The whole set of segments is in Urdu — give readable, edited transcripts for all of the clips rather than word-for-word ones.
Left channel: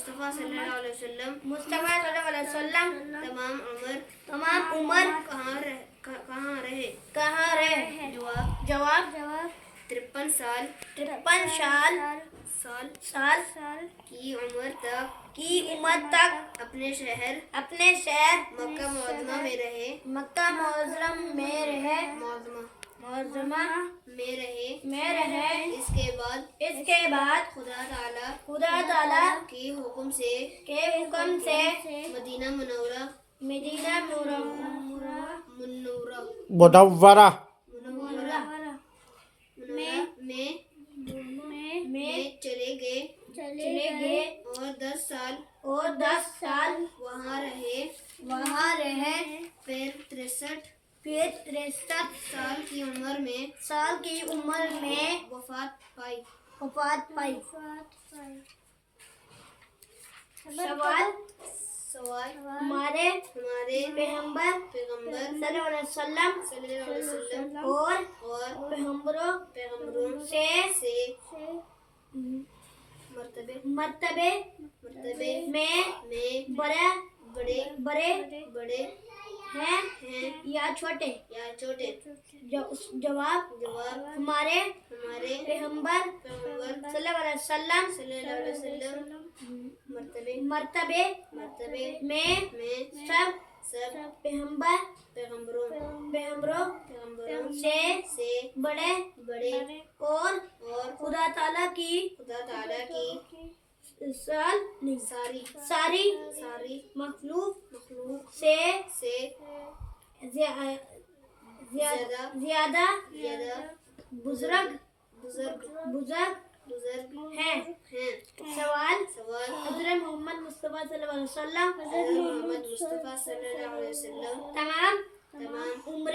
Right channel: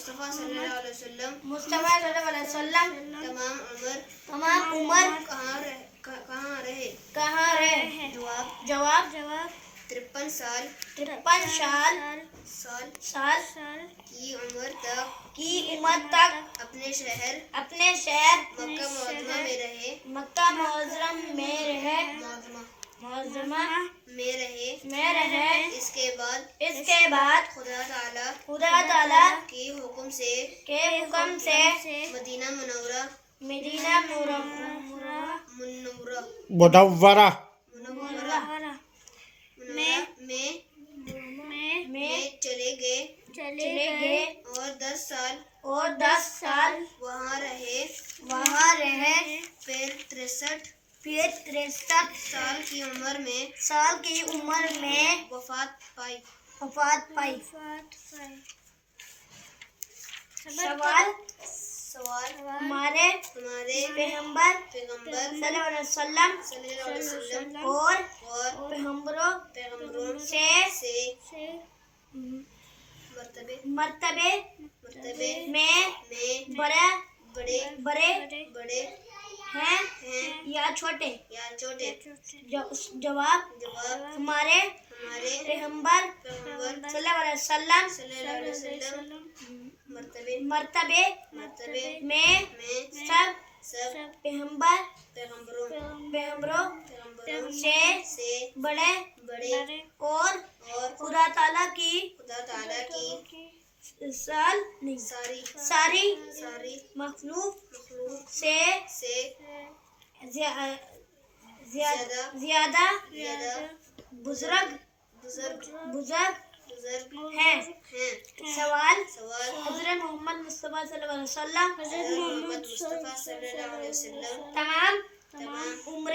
مصطفیٰ صلی اللہ علیہ وسلم تمام عمر کہاں رہے؟ جواب 53 سال کی عمر تک اپنے شہر اپنے شہر مکہ معظمہ میں رہے۔ اس کے بعد خدا تعالی کے حکم سے مدینہ منورہ میں چلے گئے اور 10 سال وہاں رہے۔ پھر 63 سال کی عمر میں وفات پائی۔ سوال ہمارے پیغمبر صلی اللہ علیہ وسلم اور پیغمبروں سے مرتبے میں بڑے ہیں یا چھوٹے؟ جواب ہمارے پیغمبر صلی اللہ علیہ وسلم مرتبے میں سب پیغمبروں سے بڑے اور خدا تعالی کی ساری مخلوق سے زیادہ بزرگ ہیں۔ سوال حضرت محمد مصطفیٰ صلی اللہ علیہ وسلم تمام عمر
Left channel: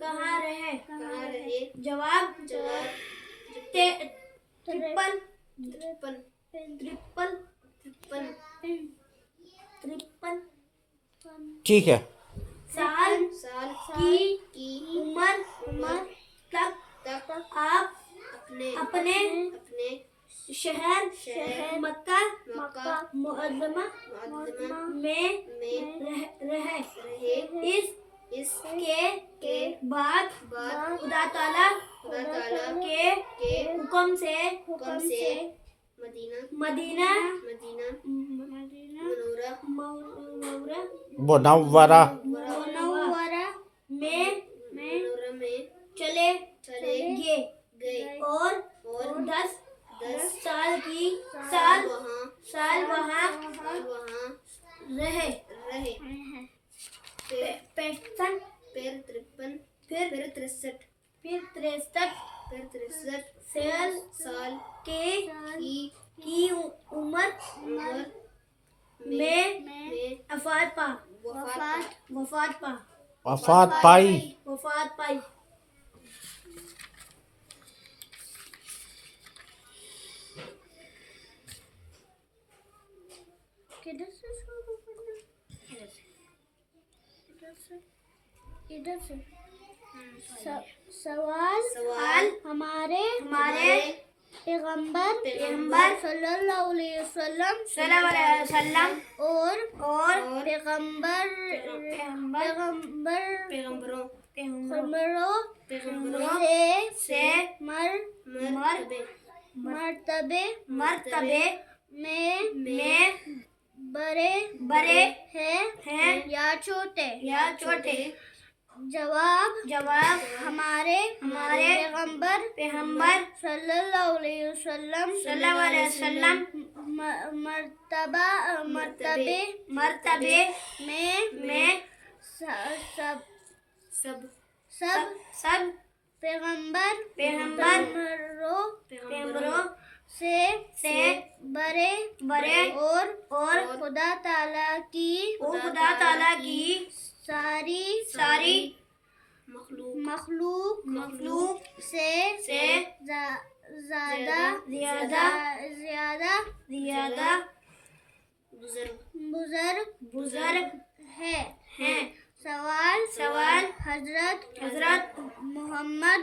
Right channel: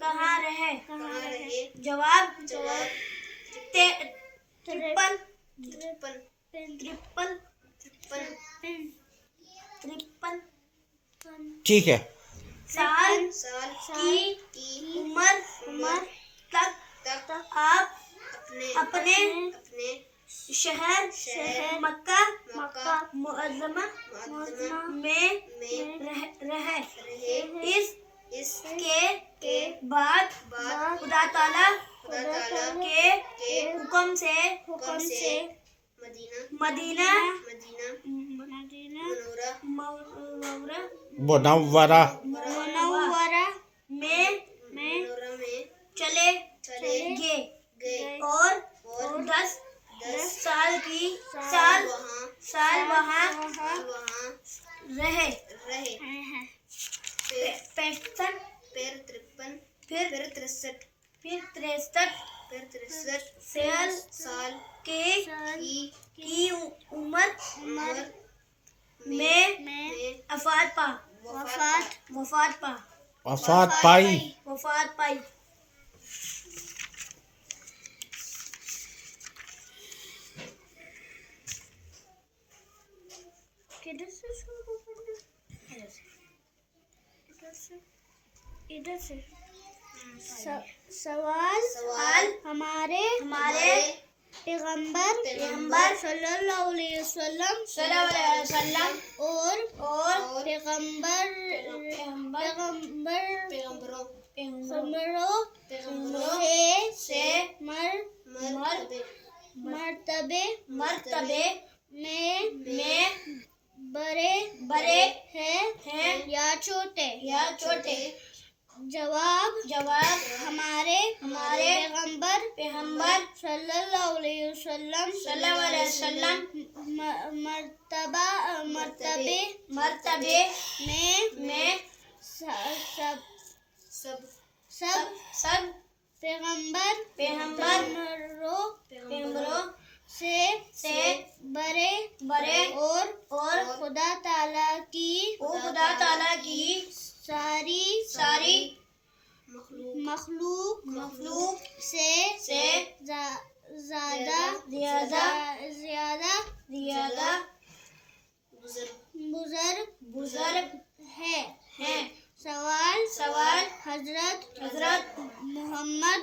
کہاں رہے؟ جواب 53 ٹھیک ہے۔ سال کی عمر تک آپ اپنے شہر مکہ معظمہ میں رہے۔ اس کے بعد خدا تعالی کے حکم سے مدینہ منورہ میں چلے گئے اور 10 سال وہاں رہے۔ پھر 63 سال کی عمر میں وفات پائی۔ سوال ہمارے پیغمبر صلی اللہ علیہ وسلم اور پیغمبروں سے مرتبے میں بڑے ہیں یا چھوٹے؟ جواب ہمارے پیغمبر صلی اللہ علیہ وسلم مرتبے میں سب پیغمبروں سے بڑے اور خدا تعالی کی ساری مخلوق سے زیادہ بزرگ ہے۔ سوال حضرت محمد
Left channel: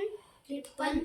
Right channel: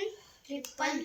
53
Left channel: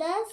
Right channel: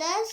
10